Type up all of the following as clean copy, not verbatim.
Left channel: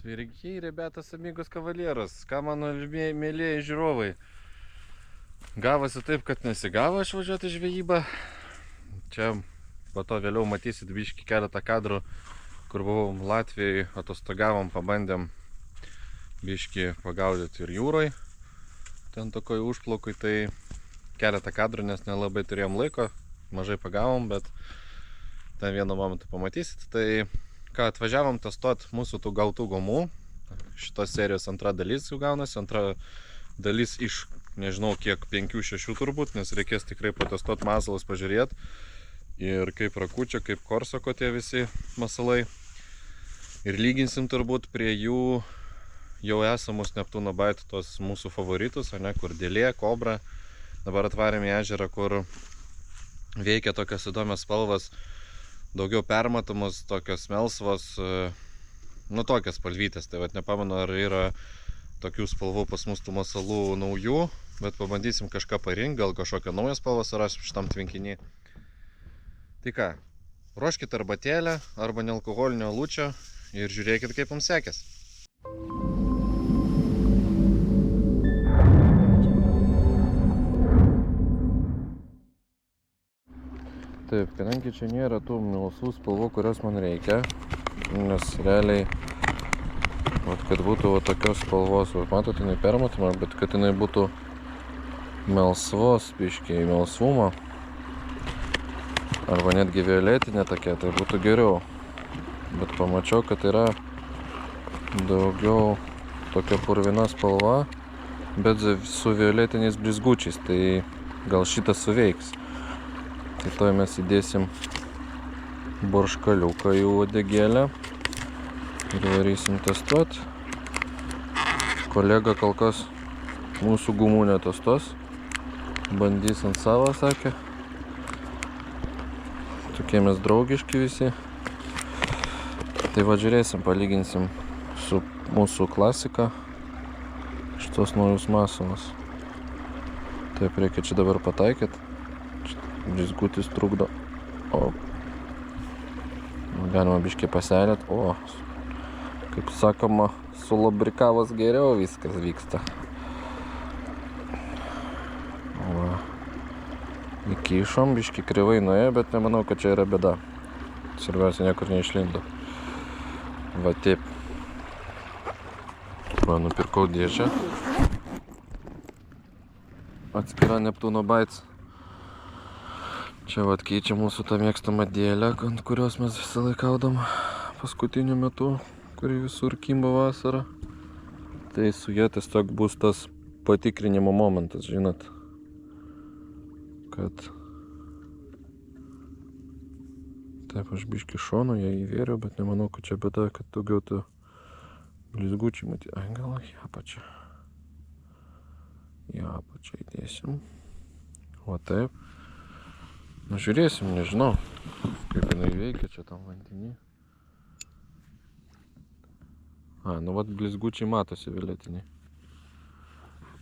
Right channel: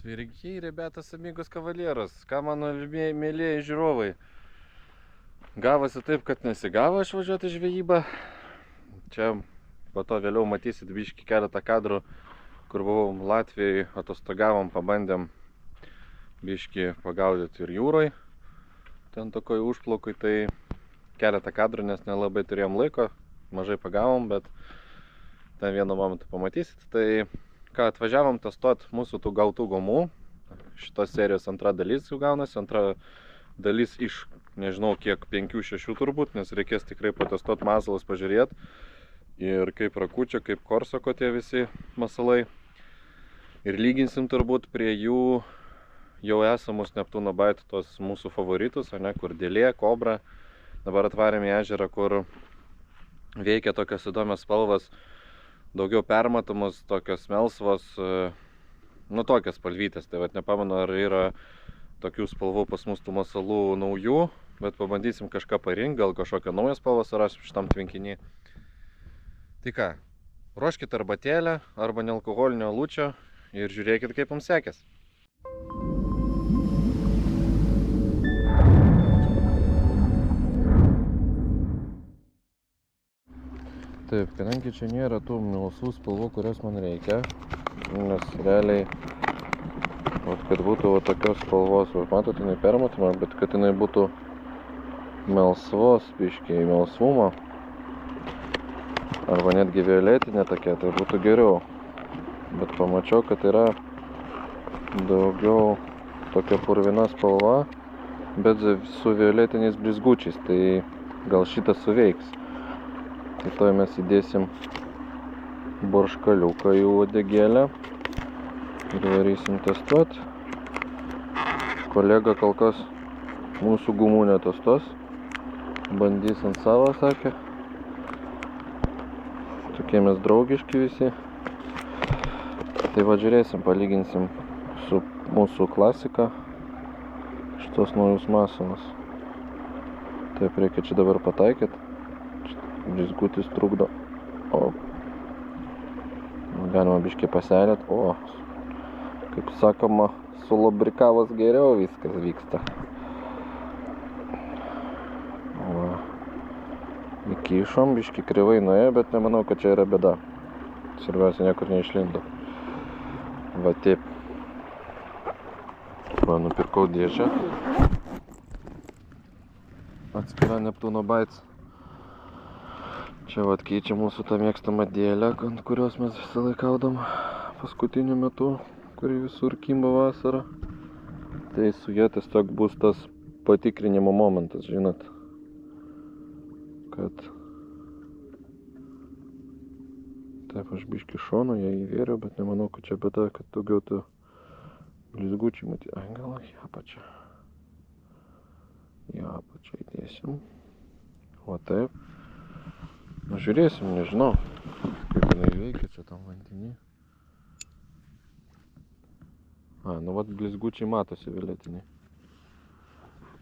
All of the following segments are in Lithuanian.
Sveiki, rebetas, amigos kavalieros, ką mano mėlyje žiūrovai. Gavosi taip, kad nesigavo išvažiuoti žvejybą. Čia po to vėliau matysit biškį keletą kadrų, kur buvom Latvijoje, atostogavom, pabandėm biškį pagaudyti ir jūroj. Ten tokoj užplaukui, tai keletą kadrų, nes nelabai turėjom laiko, mažai pagavom, bet ten vienu momentu pamatysit. Tai ką, atvažiavom testuot mūsų tų gautų gumų. Šitos serijos antra dalis jau gaunasi, antra dalis iš nežinau kiek, 5-6 turbūt, nes reikės tikrai patestuot masalus, pažiūrėti. Ir kaip rakučio, kaip korsako tie visi masalai. Ir lyginsim turbūt prie jų jau esamus Neptūno Bite, tos mūsų favoritus, ne, kur dėlė, kobra. Dabar atvarėm į ežerą, kur veikia tokios įdomios spalvas, daugiau permatomos, tokios melsvos, nu tokios spalvytės. Tai vat nepamenu, ar yra tokių spalvų pas mus tų masalų naujų, bet pabandysim kažką parinkti, gal kažkokią naują spalvą surasim šitam tvenkinį. Tai ką, ruoškit arbatėlę arba nealkoholinio alučio ir žiūrėkit, kaip mums sekės. Taip, kadangi čia nėra tų melsvų spalvų, kurios man reikia, nes realiai, kad būtų tokios spalvos, matote, jinai permatoma, bet kad jinai būtų melsvos, biškiai melsvumo, arba netgi violetinė tokia, tai būtų geriau. Bet pamačiau, kad yra daugiau tokia purvina spalva, bet su violetiniais blizgučiais, tai gal šitas suveiks. Tai toj mes įdėsim borškaliuką į uodegėlę ir varysim testuot. Kolega kol kas mūsų gumų netestuos, bandys ant savo, sakė. Tokie mes draugiški visi. Tai va, žiūrėsim, palyginsim su mūsų klasika šitos naujus masalus. Taip, reikia čia dabar pataikyti. Blizgutis trukdo. O. Galima biškiai paselėt. O. Kaip sakoma, sulubrikavus geriau viskas vyksta. Va. Įkišom, biškiai krivai nuėjo, bet nemanau, kad čia yra bėda. Svarbiausia, niekur neišlindo. Va taip. Va, nupirkau dėžę. Atskira Neptūno Bite. Čia vat keičia mūsų tą mėgstamą dėlę, ant kurios mes visą laiką gaudom paskutiniu metu, kuri visur kimba vasarą. Tai su ja tiesiog bus tas patikrinimo momentas, žinot. Kad... Taip, aš biškį šono ją įvėriau, bet nemanau, kad čia bėda, kad daugiau tų blizgučių matyti. Ai, gal į apačią. Į apačią įdėsim. O taip. Nu, žiūrėsim, nežinau, kaip jinai veikia čia tam vandenį. A, nu vat blizgučiai matosi violetiniai.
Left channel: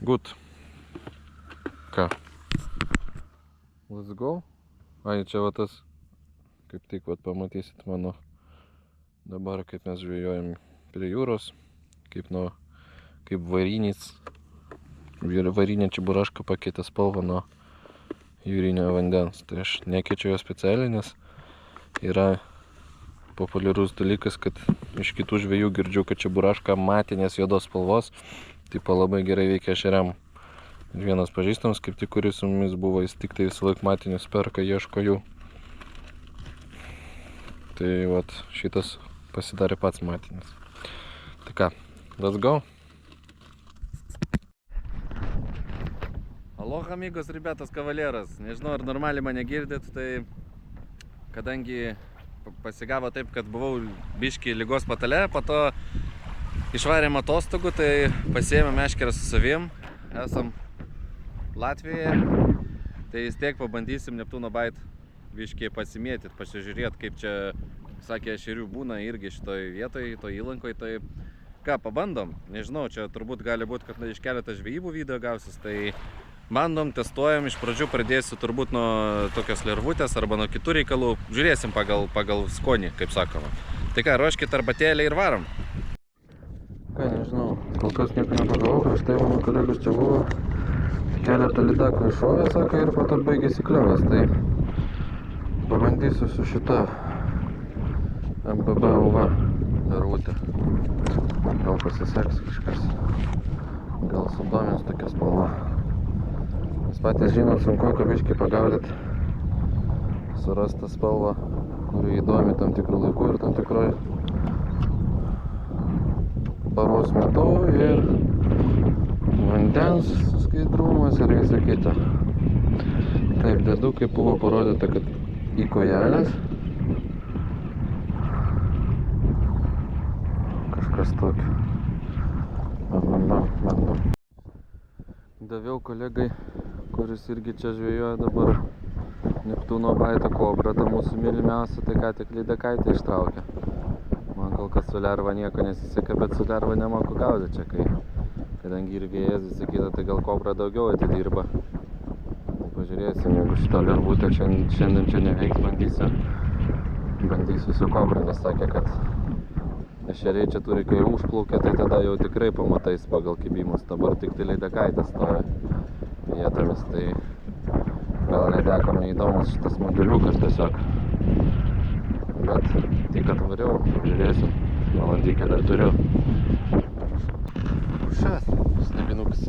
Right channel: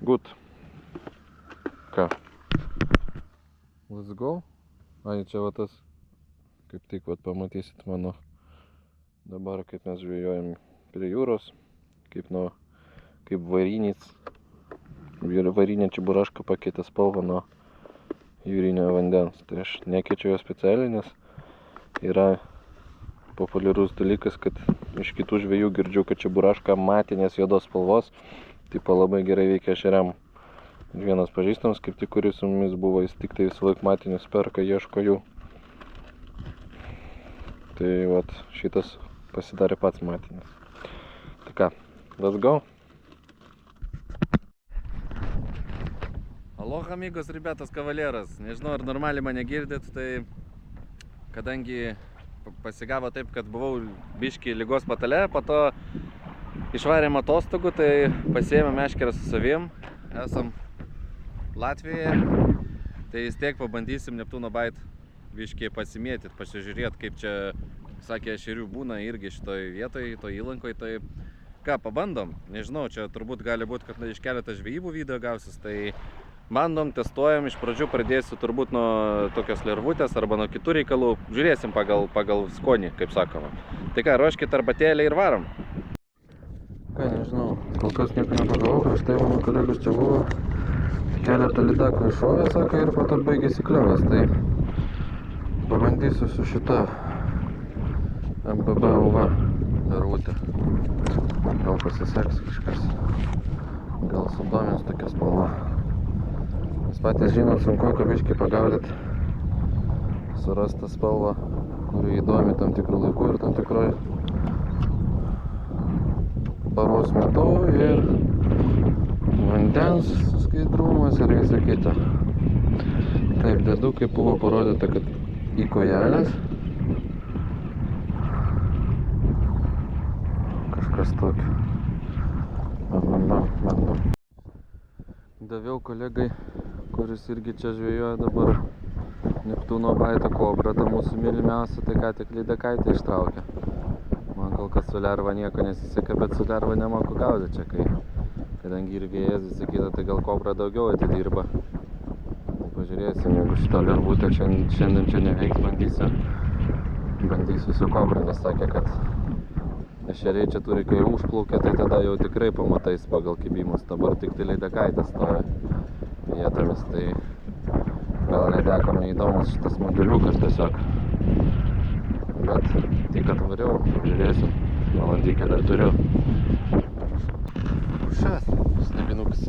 Good. Ką? Let's go. Ai, čia va tas, kaip tik vat pamatysit mano dabar, kaip mes žvejojam prie jūros, kaip varinė čiburaška pakeitė spalvą nuo jūrinio vandens. Tai aš nekeičiu jo specialiai, nes yra populiarus dalykas, kad iš kitų žvejų girdžiu, kad čiburaška matinės juodos spalvos, tipo labai gerai veikia ešeriam. Ir vienas pažįstamas, kaip tik kuris su mumis buvo, jis tik tai visą laik matinius perka, ieško jų. Tai vat šitas pasidarė pats matinis. Tai ką, let's go. Aloha, amigos, rebetas, kavalieras. Nežinau, ar normaliai mane girdit, tai kadangi pasigavo taip, kad buvau biškį ligos patale, po to išvarėm atostogų, tai pasiėmėm meškerę su savim, esam Latvijoje, tai vis tiek pabandysim Neptūno Bite biškį pasimėtit, pasižiūrėt, kaip čia, sakė, ešerių būna irgi šitoj vietoj, toj įlankoj, tai ką, pabandom, nežinau, čia turbūt gali būti, kad iš keletą žvejybų video gausis, tai bandom, testuojam, iš pradžių pradėsiu turbūt nuo tokios lervutės arba nuo kitų reikalų, žiūrėsim pagal skonį, kaip sakoma. Tai ką, ruoškit arbatėlę ir varom. ką, nežinau. Kol kas nieko nepagavau, prieš tai mano kolegos čia buvo. Keletą lydekų iššovė, sako, ir po to baigėsi kliovas. Tai pabandysiu su šita MBB UV rūtė. Gal pasiseks kažkas. Gal sudomins tokia spalva. Jūs patys žinot, sunku biškį pagaudyti, surasti spalvą, kuri įdomi tam tikrų laikų ir tam tikroj paros metu ir vandens skaidrumas ir visa kita. Taip, dedu, kaip buvo parodyta, kad į kojelės kažkas tokio. Bandom. Daviau kolegai, kuris irgi čia žvejoja dabar Neptūno baito kobrą, ta mūsų mylimiausia, tai ką tik lydekaitę ištraukė. Man kol kas su lerva nieko nesiseka, bet su lerva nemoku gaudyti čia, kadangi ir vėjas visa kita, tai gal kobra daugiau atidirba. Pažiūrėsim, jeigu šitą lervutę šiandien čia neveiks, bandysiu su kobra, nes sakė, kad ešeriai čia turi, kai užplaukia, tai tada jau tikrai pamatais pagal kibimus. Dabar tik tai lydekaitė stoja vietomis, tai gal lydekom neįdomus šitas modeliukas tiesiog. Bet tik atvariau, žiūrėsiu, valandykę dar turiu. Šias, stebinukas.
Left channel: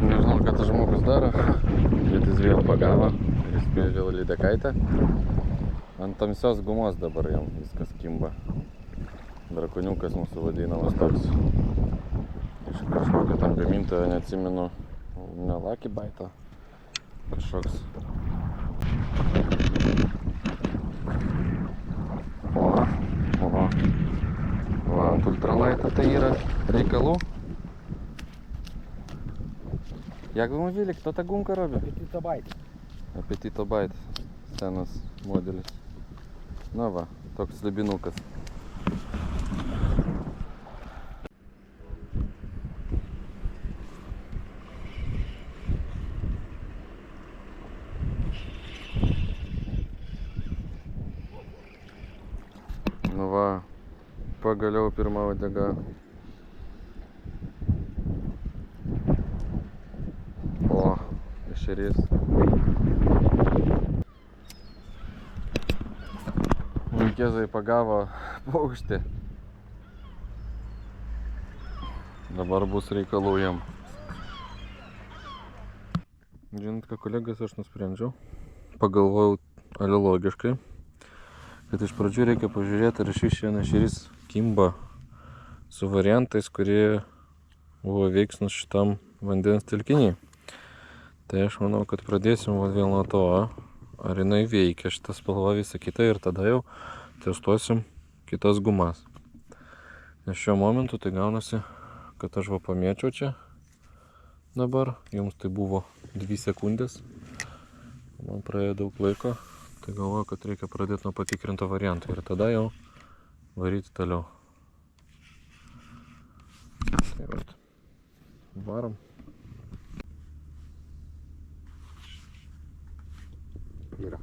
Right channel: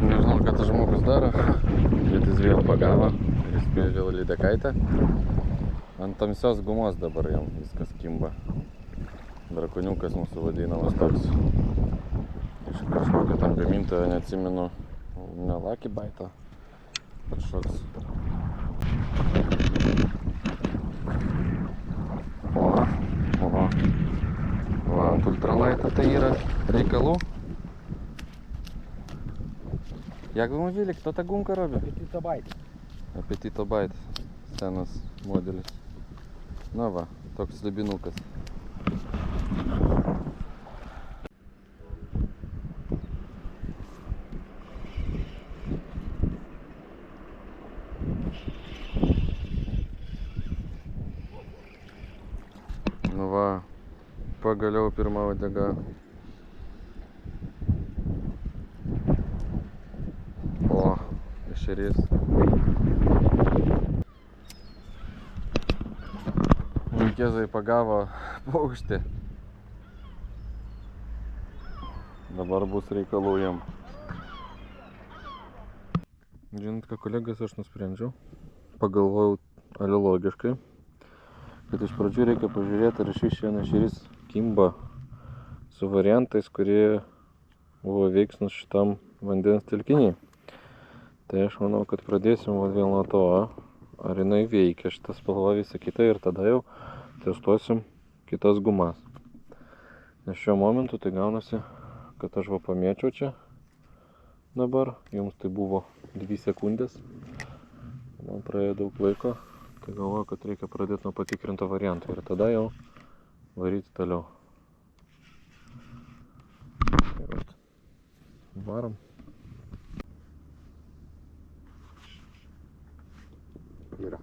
Nežinau, ką tas žmogus daro, bet jis vėl pagavo ir jis spėjo vėl lydekaitę. Ant tamsios gumos dabar jam viskas kimba. Drakoniukas mūsų vadinamas toks. Iš kažkokio tam gamintojo, neatsimenu, ne Lucky Bite, kažkoks. Va, ant ultralaito tai yra reikalų. Jak wy mówili, kto ta gumka robi? Apetito Bite. Apetito Bite, senas modelis. Na va, toks slibinukas. Nu va, pagaliau pirma uodega. O, ešerys. Vaikėzai pagavo paukštį. Dabar bus reikalų jam. Žinot, ką kolegas aš nusprendžiau. Pagalvojau alilogiškai, kad iš pradžių reikia pažiūrėti, ar šis šiandien ešerys kimba su variantais, kurie buvo veiksnus šitam vandens telkiniui. Tai aš manau, kad pradėsim vėl nuo to, ar jinai veikia šitą spalvą visą kitą ir tada jau testuosim kitas gumas. Nes šiuo momentu tai gaunasi, kad aš va pamėčiau čia dabar, jums tai buvo 2 sekundės, man praėjo daug laiko, tai galvoju, kad reikia pradėti nuo patikrinto varianto ir tada jau varyti toliau. Tai vat, varom. Yra.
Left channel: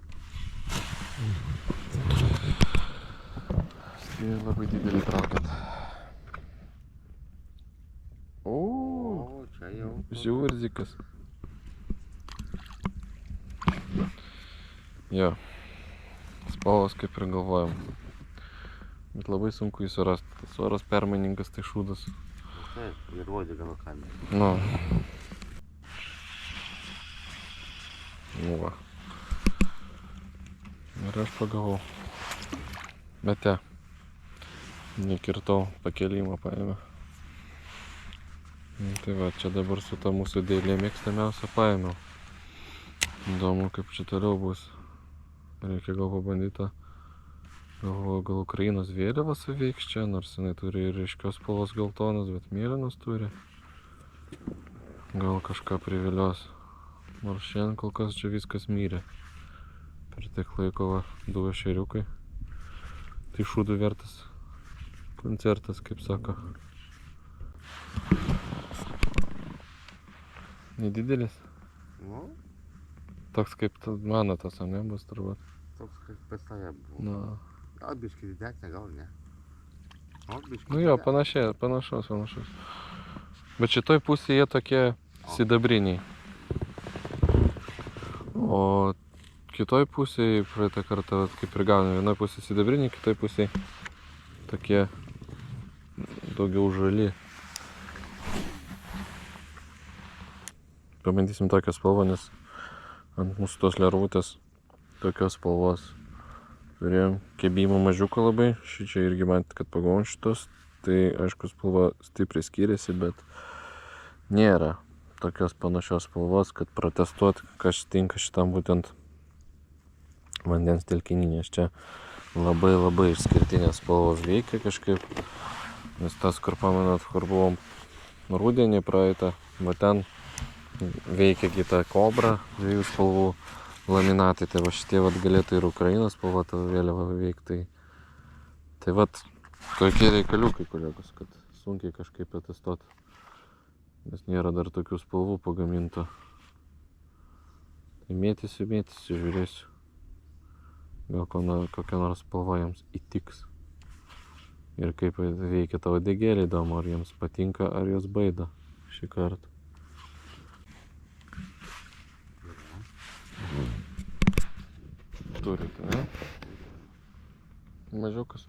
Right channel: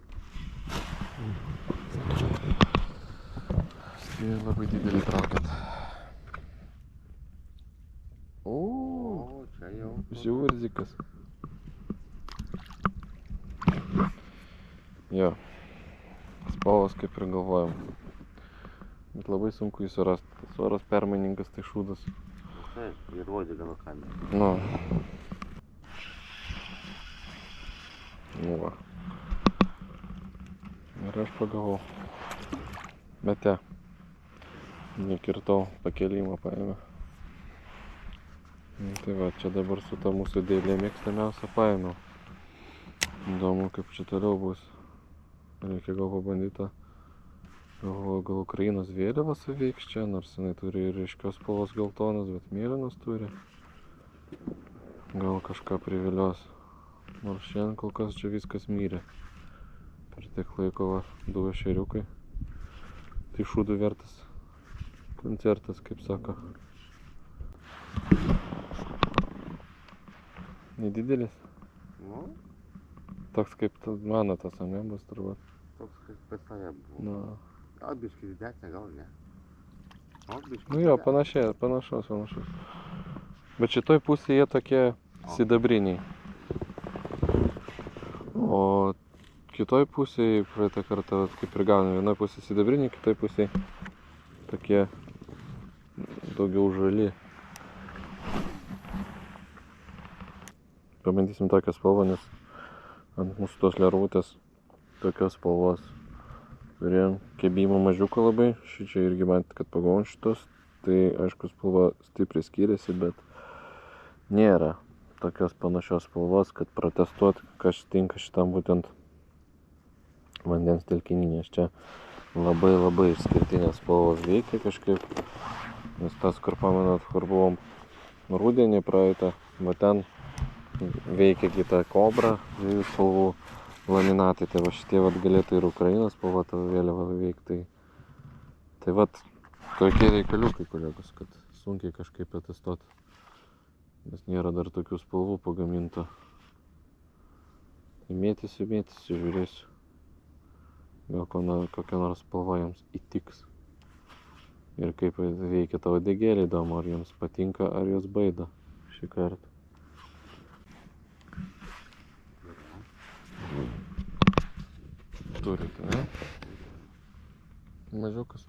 Spėjau labai didelį traukiat. O, čia jau. žiūrzikas. Jo, spalvos kaip ir galvojom. Bet labai sunku jį surasti. Tas oras permainingas, tai šūdas. Taip, ir uodega nuo kamerų. Nu. Nu va. Ir aš pagavau. Bet te. Nekirtau, pakėlimą paėmė. Tai va, čia dabar su ta mūsų dėlė mėgstamiausia paėmiau. Įdomu, kaip čia toliau bus. Reikia gal pabandyti. Galvoju, gal Ukrainos vėliava suveiks čia, nors jinai turi ir ryškios spalvos geltonas, bet mėlynas turi. Gal kažką privilios. Nors šiandien kol kas čia viskas myrė. Per tiek laiko va, 2 ešeriukai. Tai šūdų vertas koncertas, kaip sako. Nedidelis? Nu, Toks kaip mano tas, ne, bus turbūt. toks kaip pas tave buvo. Nu, Gal biškai didesnė, gal ne. O, biškai Nu jo, didesnė. panašus. Bet šitoj pusėje jie tokie sidabriniai. O kitoj pusėje praeitą kartą, kaip ir gauni, vienoj pusėje sidabriniai, kitoj pusėje tokie daugiau žali. Pabandysim tokią spalvą, nes ant mūsų tos lervutės tokios spalvos. Turėjom kebimo mažiuką labai, šičia irgi matėt, kad pagavom šitos, tai aišku spalva stipriai skiriasi, bet nėra tokios panašios spalvos, kad protestuot, kas tinka šitam būtent vandens telkiny, nes čia labai išskirtinės spalvos veikia kažkaip, nes tas, kur pamenat, kur buvom rudenį praeitą, bet ten veikia kita kobra, dviejų spalvų laminatai, tai va šitie vat galėtų ir Ukrainos spalva tavo vėliava veikti. Tai vat tokie reikaliukai, kolegos, kad sunkiai kažkaip atestuot, nes nėra dar tokių spalvų pagamintų. Tai mėtysiu, žiūrėsiu. Gal kokia nors spalva jiems įtiks. Ir kaip veikia tavo degėlį, įdomu, ar jiems patinka, ar jos baido šį kartą. Turite, ne? Mažiukas.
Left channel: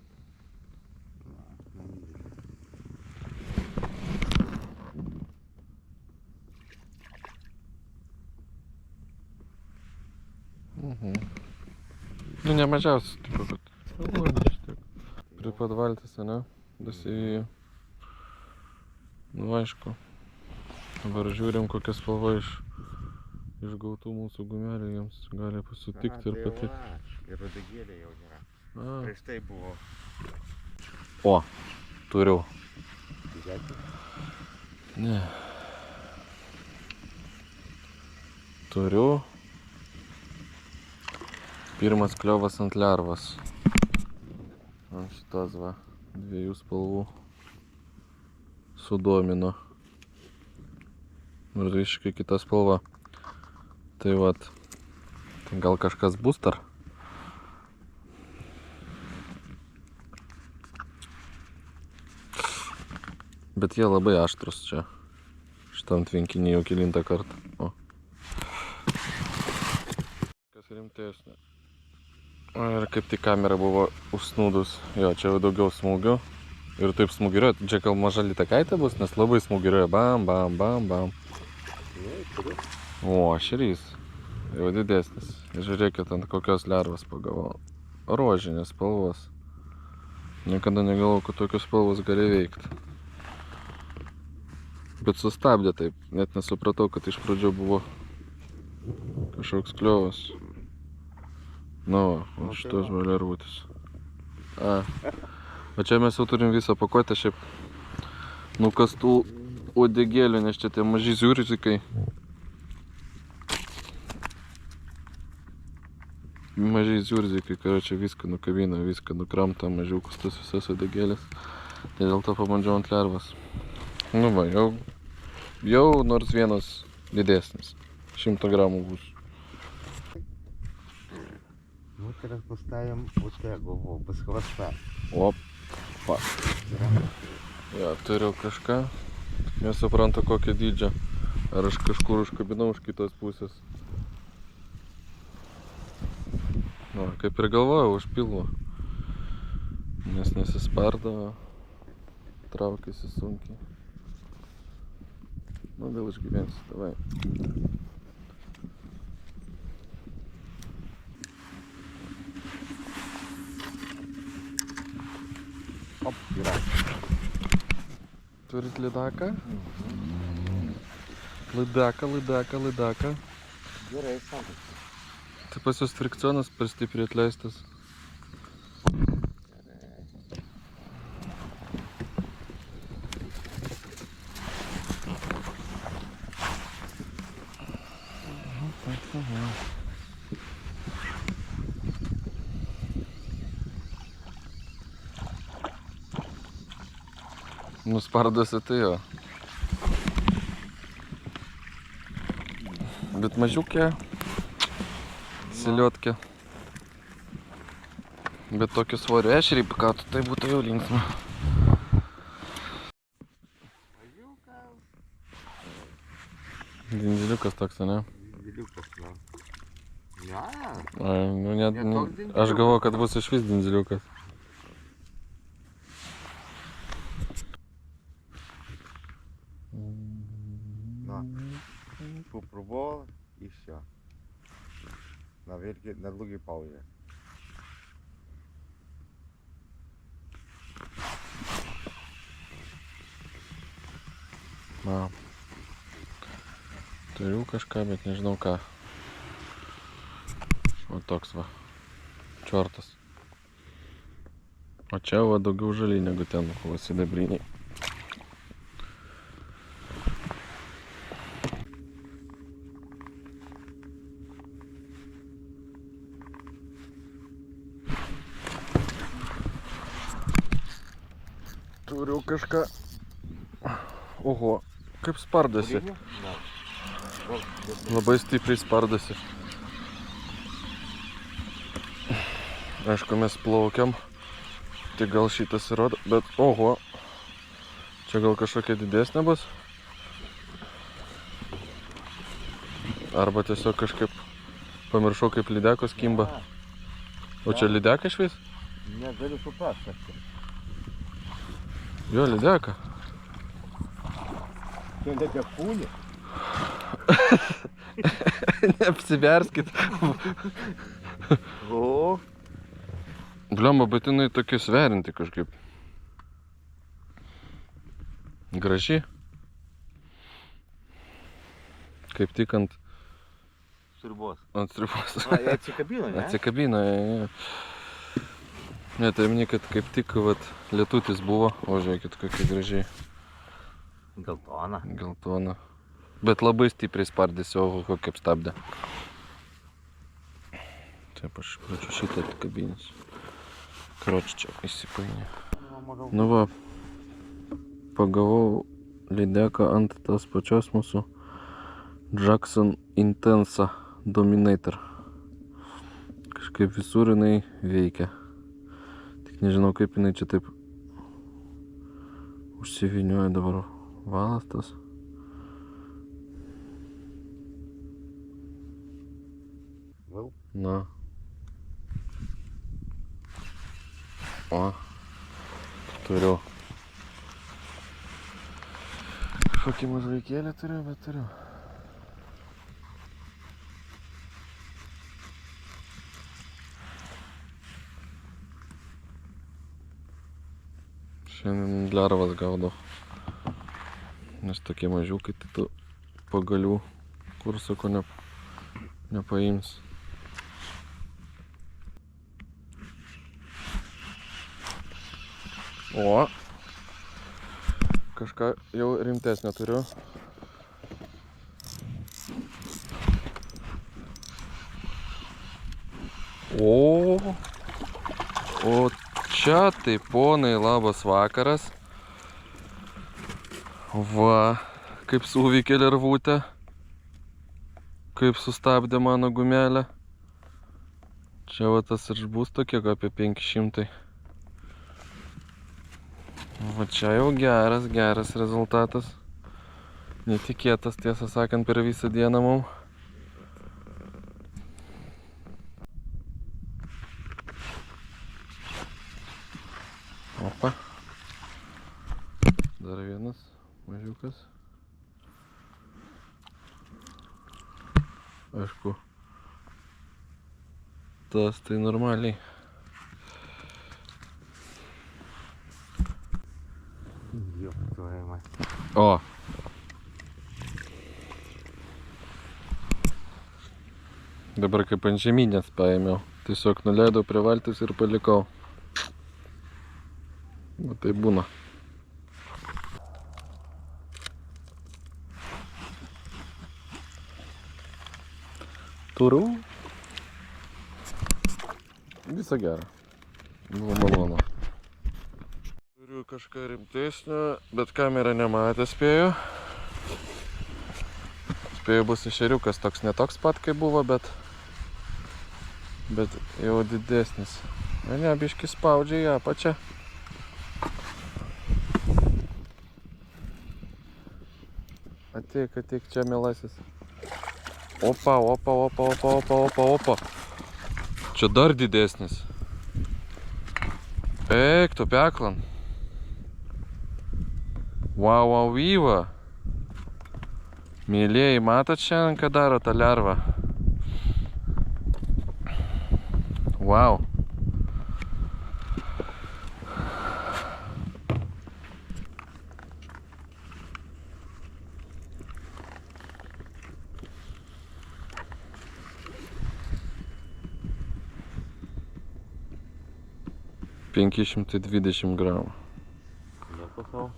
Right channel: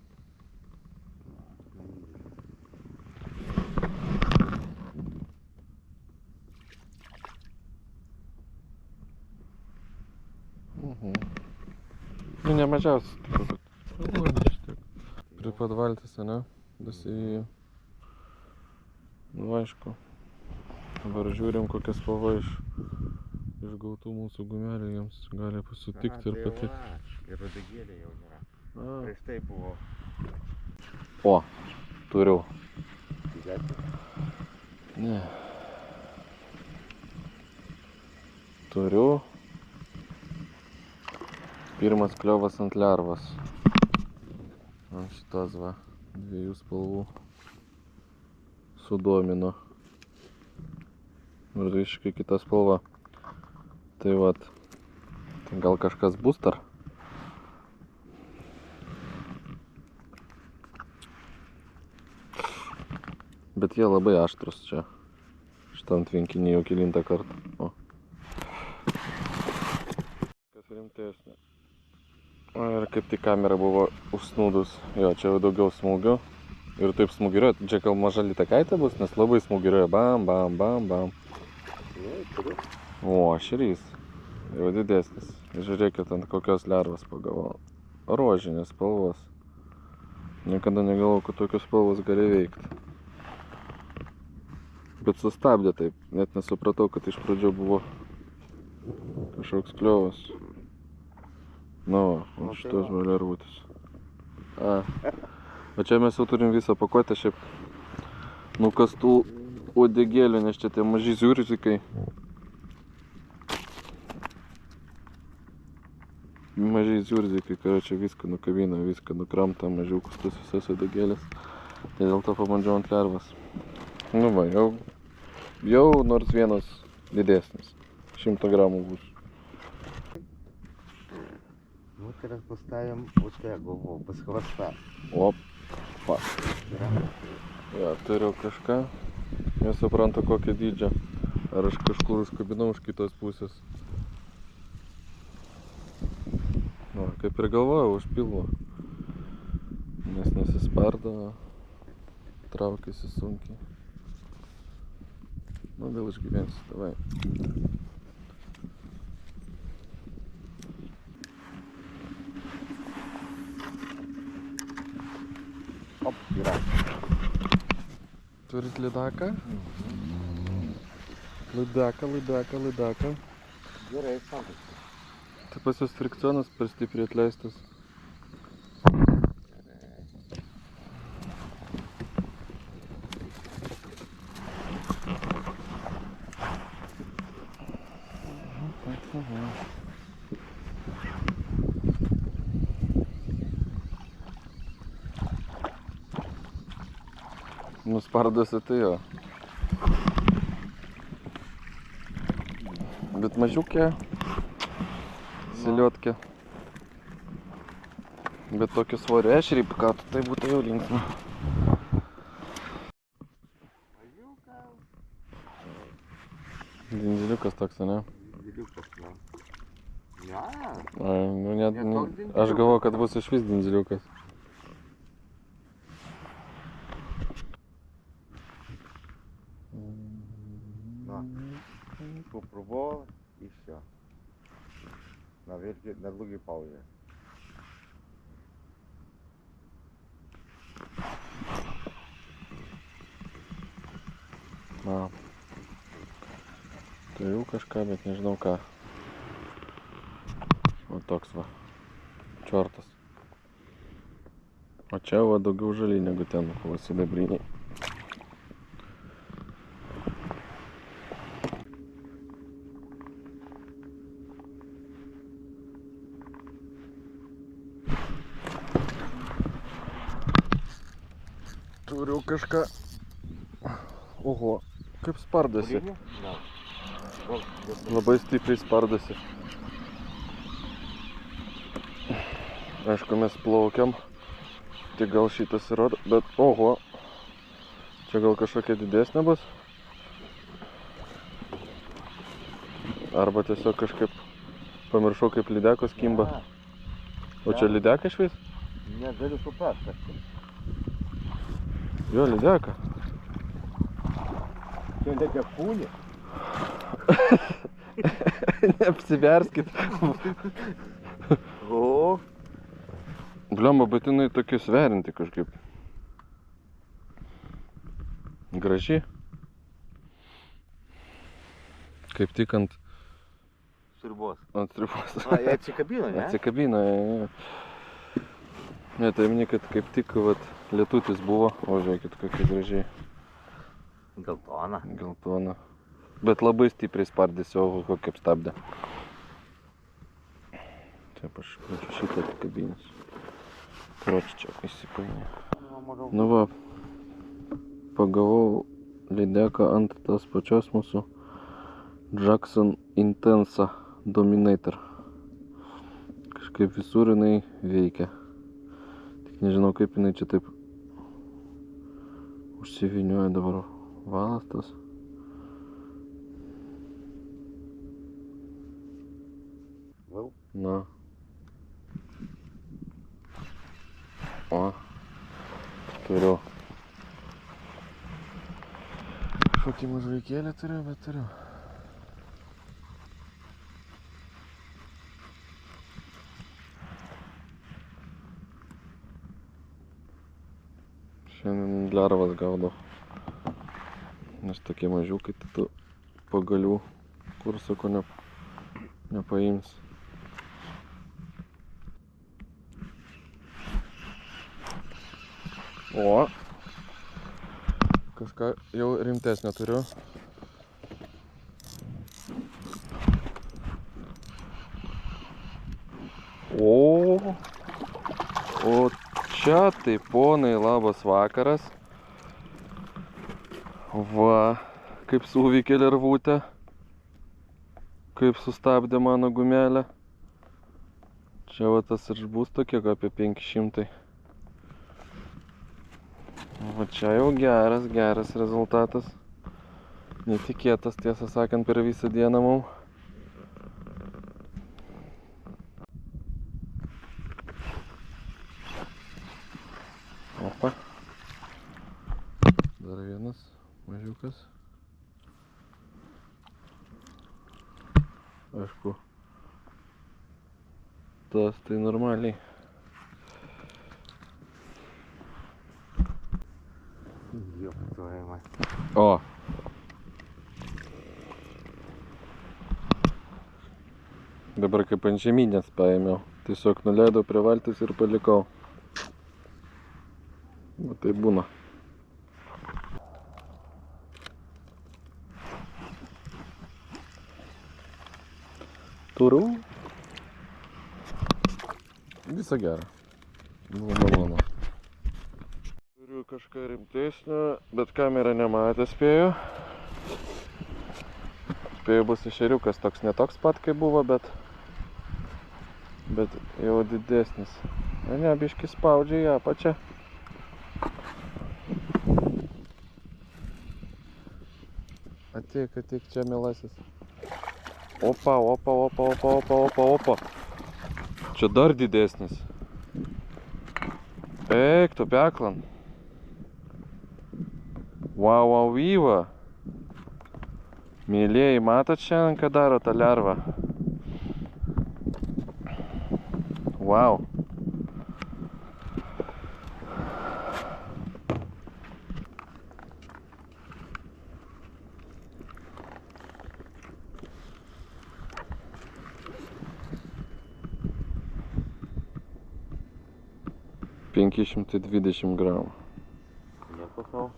Nu, ne mažiausias, tipo, bet šiek tiek. Prie pat valtis, ne? Dasivijo. Nu, aišku. Dabar žiūrim, kokia spalva iš gautų mūsų gumelių jiems gali pasitikti ir patikti. Ir rodegėlė jau nėra. A. Prieš tai buvo. O, turiu. Didesnė. Ne. Turiu. Pirmas kliovas ant lervos. Ant šitos va, dviejų spalvų sudomino. Ir visiškai kita spalva. Tai vat, tai gal kažkas bus dar? Bet jie labai aštrus čia. Šitam tvenkinį jau kelintą kartą. O. Kas rimtesnė. Ir kaip tik kamera buvo užsnūdus. Jo, čia jau daugiau smūgių. Ir taip smūgiruoja. Čia gal maža litakaitė bus, nes labai smūgiruoja. Bam, bam, bam, bam. O, šerys. Jau didesnis. Žiūrėkit, ant kokios lervos pagavau. Rožinės spalvos. Niekada negalvojau, kad tokios spalvos gali veikti. Bet sustabdė taip. Net nesupratau, kad iš pradžio buvo kažkoks kliovas. Nu, va, šitos va lervutės. O čia mes jau turim visą pakuotę šiaip nukastų uodegėlių, nes čia tie maži ziurzikai. Mažiai ziurzikai, čia viską nukabina, viską nukramta, mažiukus tas visas uodegėlės. Tai dėl to pabandžiau ant lervos. Nu va, jau nors vienas didesnis. 100 gramų bus. Ну, teraz поставим вот tego, без хвоста. Opa. Ja, turiu kažką. Nesuprantu kokio dydžio. Ar aš kažkur užkabinau iš kitos pusės. Nu, kaip ir galvojau, už pilvo. Nes nesispardavo. Traukiasi sunkiai. Nu, gal išgyvensiu, davai. Op, yra. Turit lydaką? Lydaką. Gerai, santas. Tai pas jūs frikcionas per stipriai atleistas. Nuspardosi tai jo. Bet mažiukė, siliuotkė. Bet tokį svorį ešerį pakatų, tai būtų jau linksma. Dindiliukas toks, ne? Dindiliukas, ne. Ne. Ai, nu net, Ne toks dindiliukas. aš galvoju, kad bus išvis dindiliukas. На. Попробовал и все. На долгой паузе. Na. Turiu kažką, bet nežinau ką. O toks va. Čiortas. O čia va daugiau žaliai negu ten, va sidabriniai. Turiu kažką. Oho, kaip spardasi. Да. Labai stipriai spardasi. Aišku, mes plaukiam. Tai gal šitas įrodo, bet oho. Čia gal kažkokia didesnė bus. Arba tiesiog kažkaip pamiršau, kaip lydekos kimba. O čia lydeka išvis? Negaliu suprast, kas tai. Jo, lydeka. Čia lydekūnė. Neapsiverskit. O, Bliomba, bet jinai tokia sverinti kažkaip. Graži. Kaip tik ant sriubos. sriubos. A, jie atsikabino, ne? Atsikabino. Ne, tai minė, kad kaip tik vat, lietutis buvo. O žiūrėkit, kokia gražiai. Geltona. Geltona. Bet labai stipriai spardėsi, o kaip stabdė. Taip, aš plačiu šitą atkabinęs. Kroč čia įsipainė. Nu va, pagavau lydeką ant tas pačios mūsų Jackson Intensa Dominator. Kažkaip visur jinai veikia. Tik nežinau, kaip jinai čia taip užsivinioja dabar valas tas. Vėl? Na. O. Turiu. Kažkokį mažvaikėlį turiu, bet turiu. Šiandien lervas gaudau. Nes tokie mažiukai, tai tu pagalių kur sako nepaims. O, kažką jau rimtesnio turiu. O čia tai ponai labas vakaras. Va, kaip suveikė lervutė. Kaip sustabdė mano gumelę. Čia va tas ir bus tokie apie 500. Va čia jau geras rezultatas. Netikėtas, tiesą sakant, per visą dieną mum. Opa. Dar vienas mažiukas. Aišku, tas tai normaliai. Joptuojama. O. Dabar kaip ant žeminės paėmiau. Tiesiog nuleidau prie valtis ir palikau. Va tai būna. Turiu. Visą gerą. Buvo malonu. Turiu kažką rimtesnio, bet kamera nematė, spėju. Spėju bus ešeriukas toks, ne toks pat kaip buvo, bet jau didesnis. Ne, biški spaudžia į apačią. Ateik čia, mielasis. Opa. Čia dar didesnis. Eik, tu peklan. Wow, vyva. Mėlėjai, matot šiandien, ką daro ta lerva? Wow. $520 gramų. Nieko sau.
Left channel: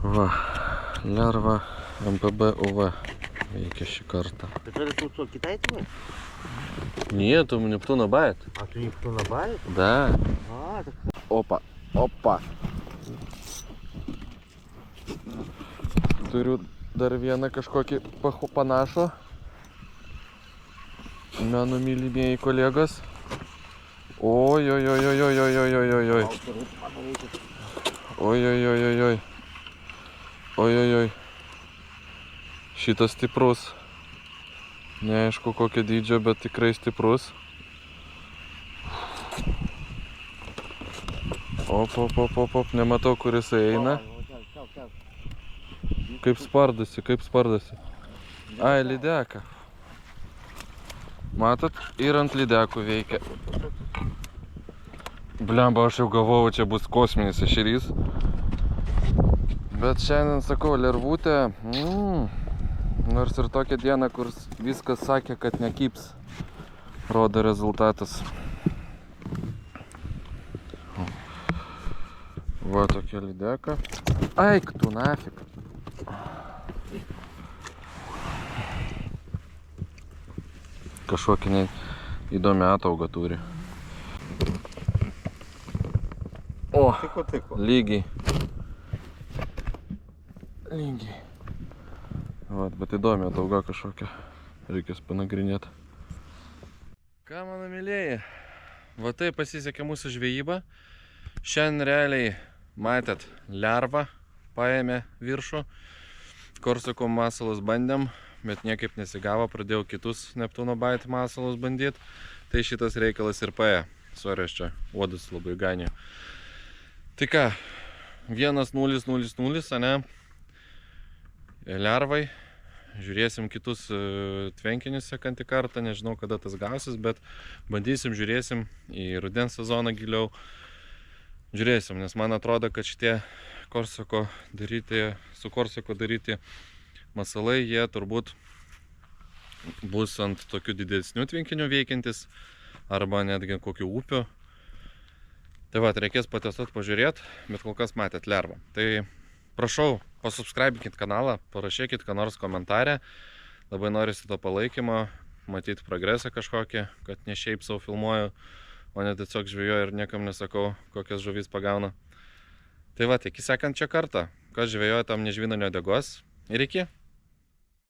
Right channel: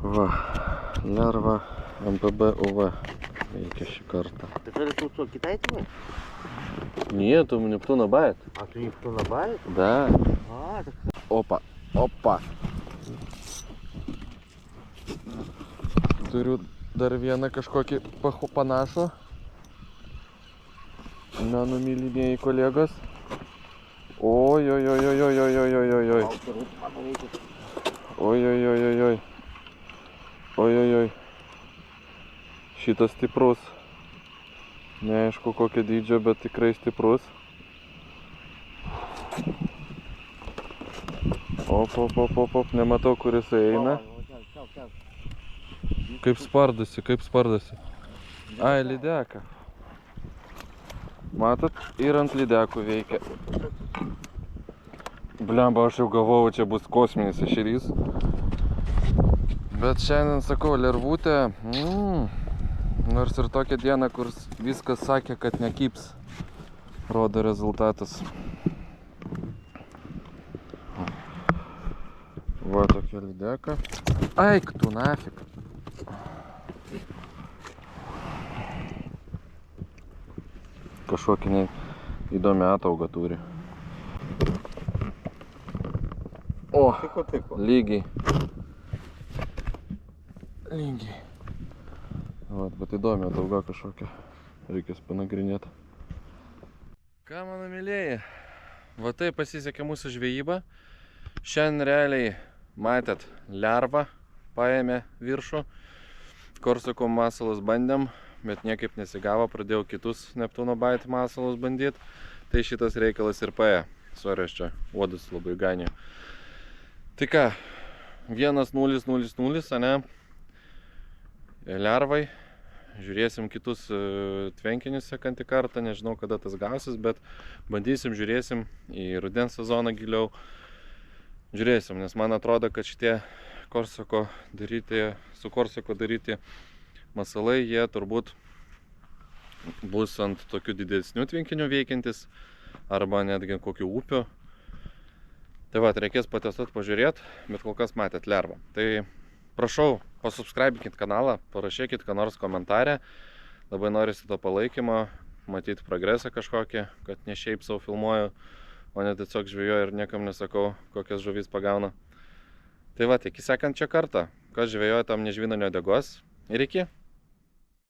Va, lerva MPB UV veikia šį kartą. Это что, Китай твой? Нет, у Нептуна байт. А ты Нептуна бавит? Да. А, так... Опа. Turiu dar vieną kažkokį panašų. Mano mylimieji kolegos. Oi. Šitas stiprus. Neaišku kokio dydžio, bet tikrai stiprus. Op, nematau, kur jisai eina. Kaip spardosi. Ai, lydeka. Matot, ir ant lydekų veikia. Blemba, aš jau galvojau, čia bus kosminis ešerys. Bet šiandien, sakau, lervutė, nors ir tokia diena, kur viskas sakė, kad nekyps, rodo rezultatas. Va tokia lydeka. Eik tu nafik. Kažkokį įdomią ataugą turi. O, Tiko. lygiai. Vat, bet įdomi atauga kažkokia. Reikės panagrinėti. Ką, mano mėlėjai? Va tai pasisekė mūsų žvejyba. Šiandien realiai, matėt, lervą paėmė viršų. Korsako masalus bandėm, bet niekaip nesigavo. Pradėjau kitus Neptūno bait masalus bandyti. Tai šitas reikalas ir paėjo. Sorry, aš čia uodus labai ganė. Tai ką, 1-0-0-0, ane? Lervai. Žiūrėsim kitus tvenkinius sekantį kartą. Nežinau, kada tas gausis, bet bandysim, žiūrėsim į rudens sezoną giliau. Žiūrėsim, nes man atrodo, kad šitie su Korsako daryti masalai, jie turbūt bus ant tokių didesnių tvenkinių veikiantis arba netgi kokių upių. Tai va, reikės patestuoti, pažiūrėti, bet kol kas matėt lervą. Tai prašau, pasubscribikit kanalą, parašykit ką nors komentarę. Labai norisi to palaikymo, matyti progresą kažkokį, kad ne šiaip savo filmuoju, o ne tiesiog žvejoju ir niekam nesakau, kokias žuvis pagauna. Tai va, iki sekančio karto, kas žvejoja, tam nežvina nuodegos. Ir iki.